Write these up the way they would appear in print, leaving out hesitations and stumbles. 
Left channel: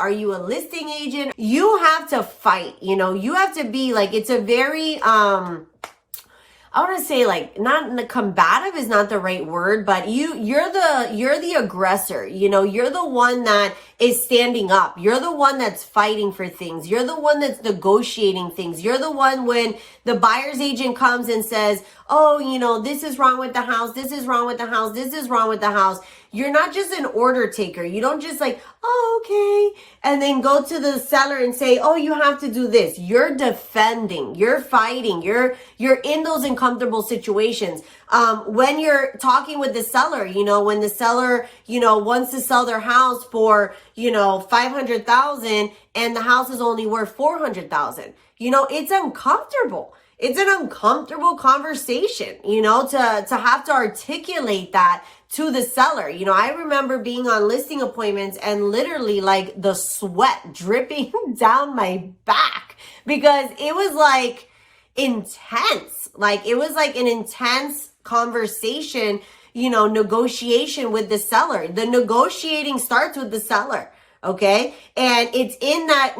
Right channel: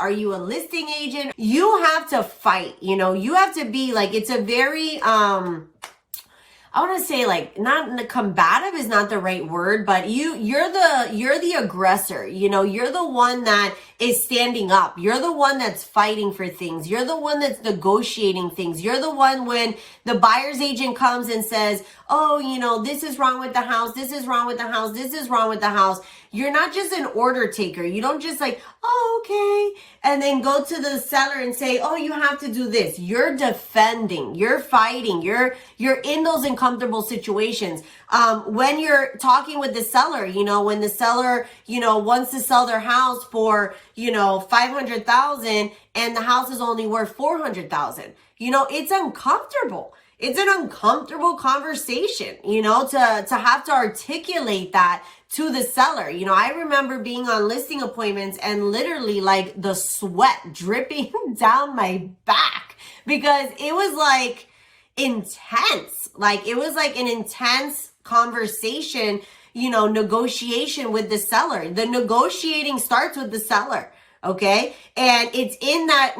Are you a listing agent? You have to fight, you know, you have to be like, it's a very, I want to say like not combative is not the right word, but you're the aggressor. You know, you're the one that is standing up. You're the one that's fighting for things. You're the one that's negotiating things. You're the one when the buyer's agent comes and says, "Oh, you know, this is wrong with the house. This is wrong with the house. This is wrong with the house." You're not just an order taker. You don't just like, "Oh, okay," and then go to the seller and say, "Oh, you have to do this." You're defending. You're fighting. You're in those uncomfortable situations. When you're talking with the seller, you know, when the seller, you know, wants to sell their house for, you know, 500,000 and the house is only worth 400,000. You know, it's uncomfortable. It's an uncomfortable conversation, you know, to have to articulate that to the seller. You know, I remember being on listing appointments and literally like the sweat dripping down my back because it was like intense. Like it was like an intense conversation, you know, negotiation with the seller. The negotiating starts with the seller. Okay. And it's in that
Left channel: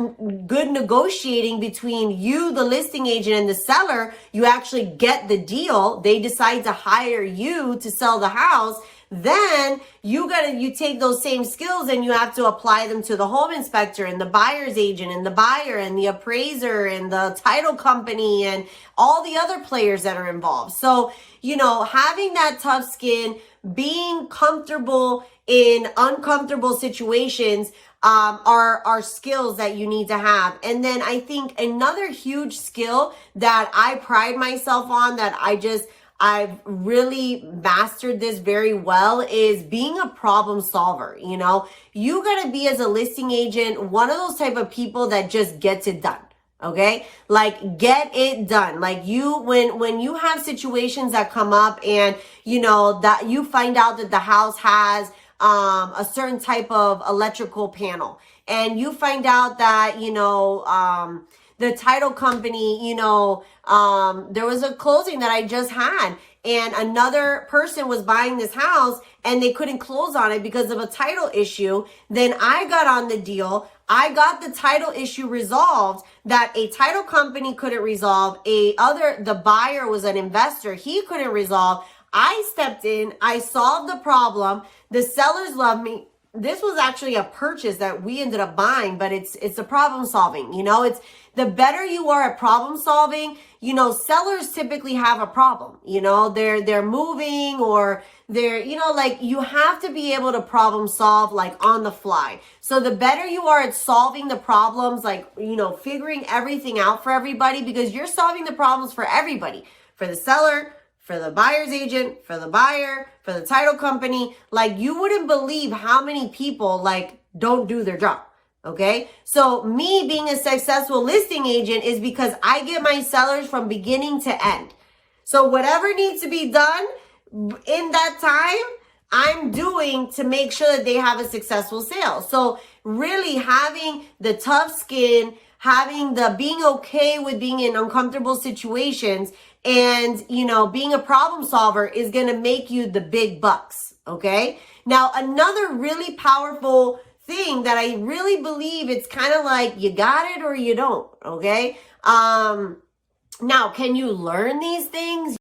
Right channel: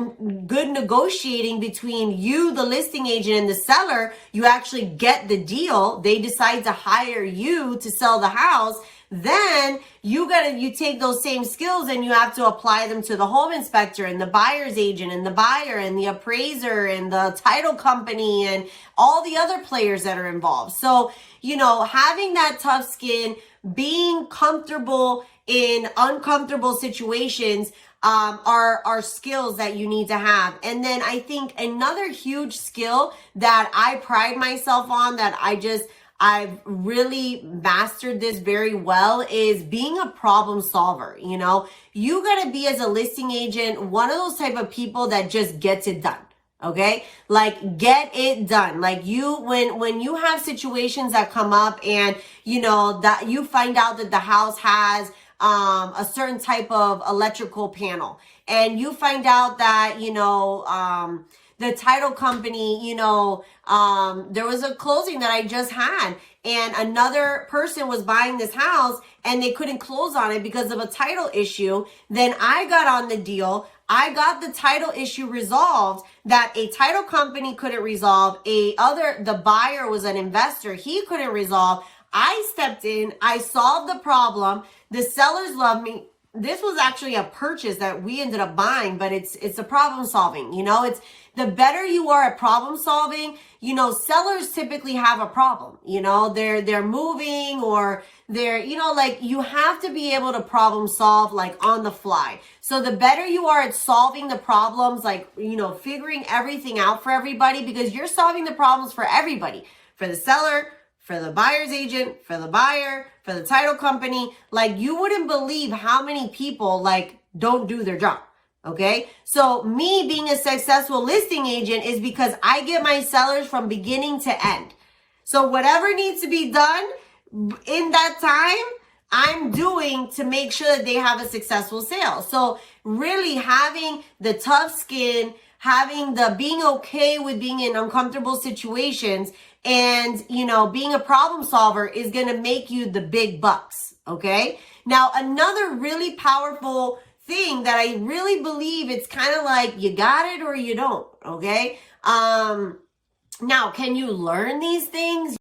good negotiating between you, the listing agent, and the seller, you actually get the deal. They decide to hire you to sell the house. Then you take those same skills and you have to apply them to the home inspector and the buyer's agent and the buyer and the appraiser and the title company and all the other players that are involved. So, you know, having that tough skin, being comfortable in uncomfortable situations, are skills that you need to have. And then I think another huge skill that I pride myself on, that I've really mastered this very well, is being a problem solver. You know, you gotta be, as a listing agent, one of those type of people that just gets it done. Okay. Like get it done. Like when you have situations that come up and, you know, that you find out that the house has a certain type of electrical panel, and you find out that, you know, the title company, you know, there was a closing that I just had and another person was buying this house and they couldn't close on it because of a title issue. Then I got on the deal. I got the title issue resolved that a title company couldn't resolve. The buyer was an investor. He couldn't resolve. I stepped in. I solved the problem. The sellers love me. This was actually a purchase that we ended up buying, but it's a problem solving. You know, it's the better you are at problem solving, you know, sellers typically have a problem. You know, they're moving or they're, you know, like you have to be able to problem solve like on the fly. So the better you are at solving the problems, like, you know, figuring everything out for everybody, because you're solving the problems for everybody, for the seller, for the buyer's agent, for the buyer, for the title company. Like you wouldn't believe how many people like don't do their job. Okay. So me being a successful listing agent is because I get my sellers from beginning to end. So whatever needs to be done in that time, I'm doing to make sure that they have a successful sale. So really having the tough skin, having the being okay with being in uncomfortable situations, and, you know, being a problem solver is going to make you the big bucks. Okay. Now, another really powerful thing that I really believe, it's kind of like you got it or you don't. Okay. Now, can you learn these things?